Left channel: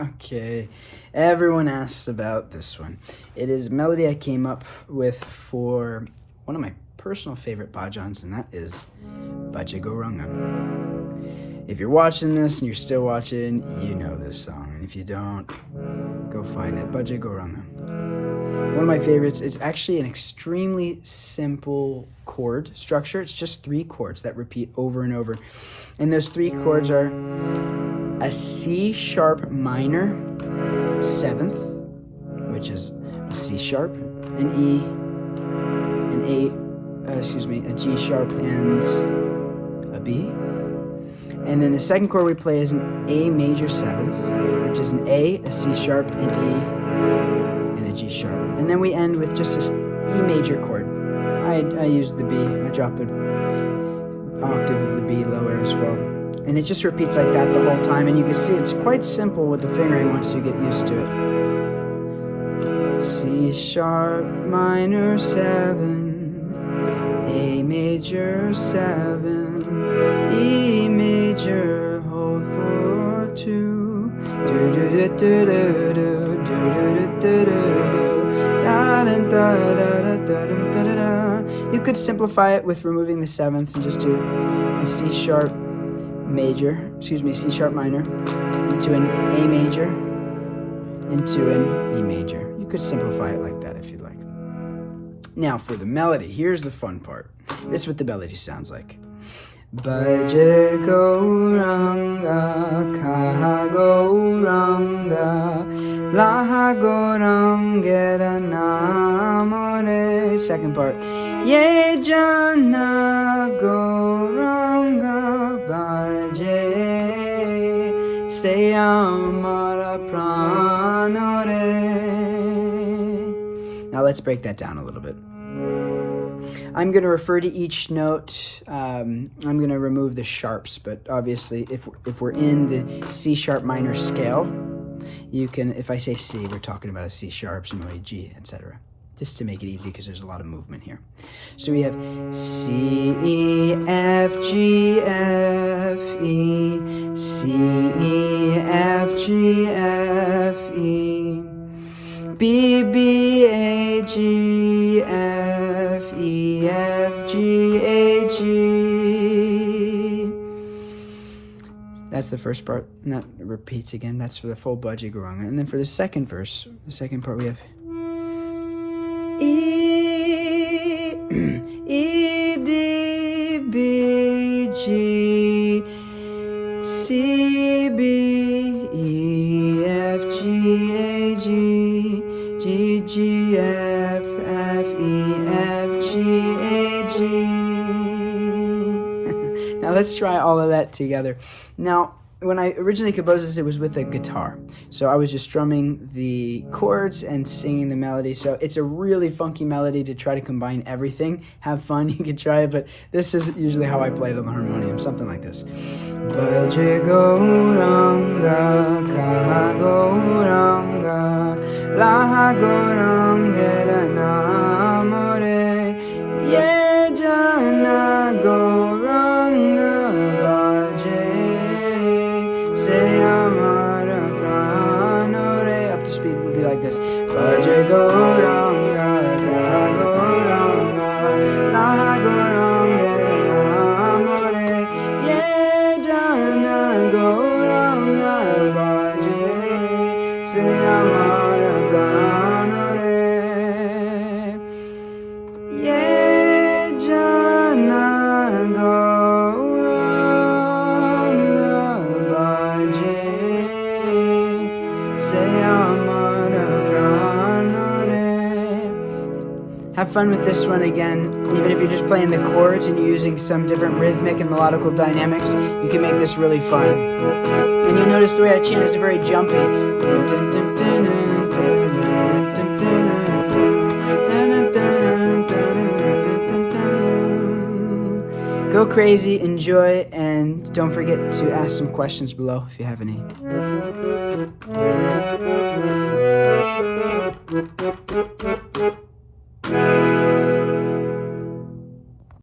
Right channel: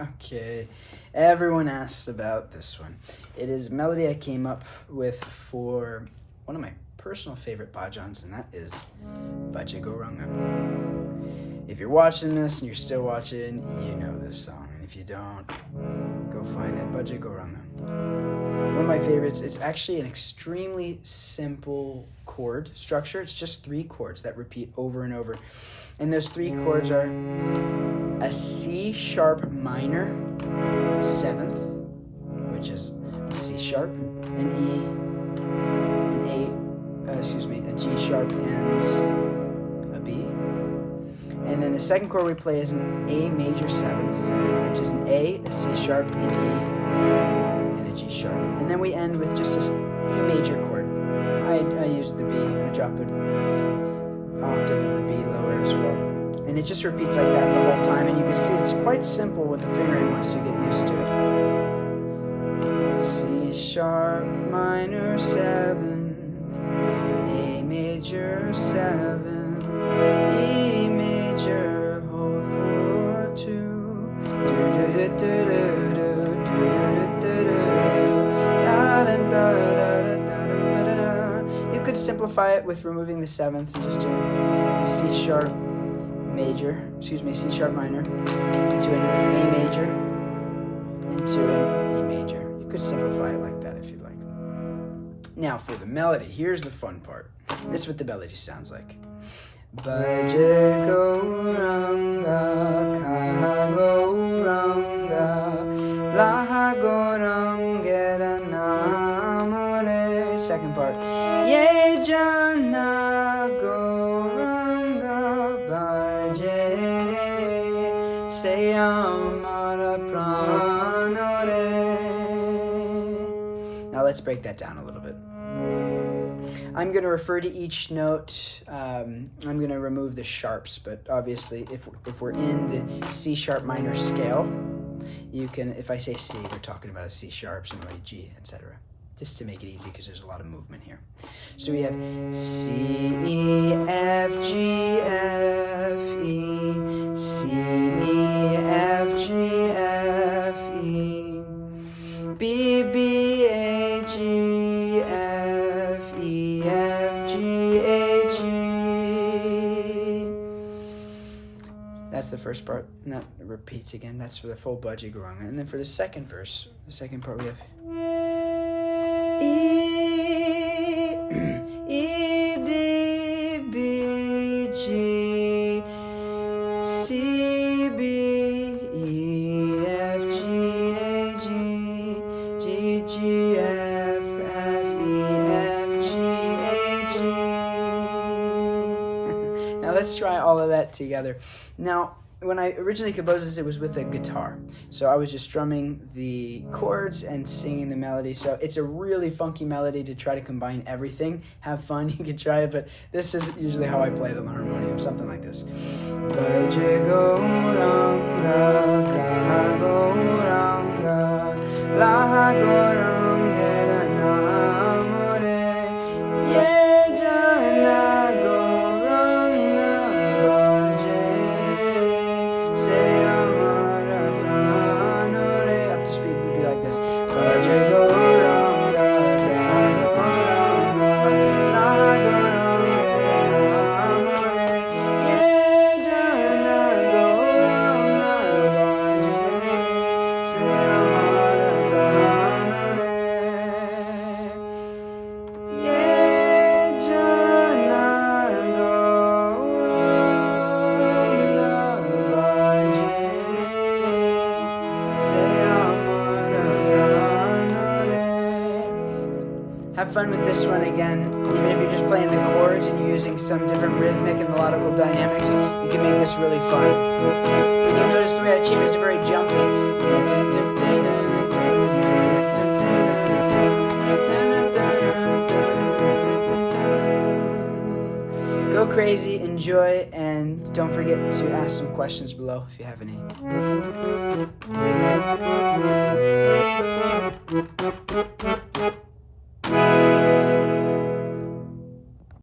Okay, everyone asks about this one. It is a melody I came up with for one of my personal favorite bhajans, and that is Bhaja Gauranga. If you're watching this and you're still watching, you know this song. And if you don't, go find it. Bhaja Gauranga. One of my favorites. It's actually an extremely simple chord structure. It's just 3 chords that repeat over and over. And those 3 chords are a C sharp minor 7th, which is a C sharp, an E, a G sharp, and a B. And then the second chord we play is an A major 7th, which is an A, a C sharp, an E, and a G sharp. And then we end with just this E major chord. I use the B. I drop an octave of the B lower as well. And it just repeats like that the whole time. And you can see it's quite simple with the fingering once you get used to it. C sharp minor 7, A major 7, E major whole 4 2. You could simplify it with removing the 7th and just do a C sharp minor into an A major into an E major. You could simplify it like that if you'd like. Now for the melody, here's the fun part. This is what the melody sounds like. Bhaja Gauranga Ka Gauranga Laha Gauranga Namare. Second part. Ye Jana Gauranga Bhaje Se Amara Pranare. Now let's break that down a little bit. I'm going to refer to each note. I'm going to remove the sharps, but obviously if we're in the C sharp minor scale, you can, if I say C, we're talking about a C sharp, similarly G, etc. Just to make it easy because there's a lot of movement here. So we have C, E, F, G, F, E, C, E, F, G, F, E, B, B, A, G, F, E, F, G, A, G. That's the first part, and that repeats again. That's for the full Bhaja Gauranga. And then for the second verse, the second part, we have E, E, D, B, G, C, B, E, F, G, A, G, G, G, F, F, E, F, G, A, G. Now let's try all of that together. Now, when I originally composed this, it was with a guitar. So I was just strumming the chords and singing the melody. So it's a really funky melody to try to combine everything. Have fun, you can try it, but this is usually how I play it on the harmonium, something like this. Bhaja Gauranga, Gauranga, Laha Gauranga Namore, Ye Jana Gauranga Bhaje. Up to speed would be like this. Bhaja Gauranga, Ye Jana Have fun with this one again. Even if you're just playing the chords and you're using some different rhythmic and melodical dynamics, you can make this really fun. You'll notice the way I chant is very jumpy. Go crazy, enjoy, and don't forget to ask some questions below if you have any.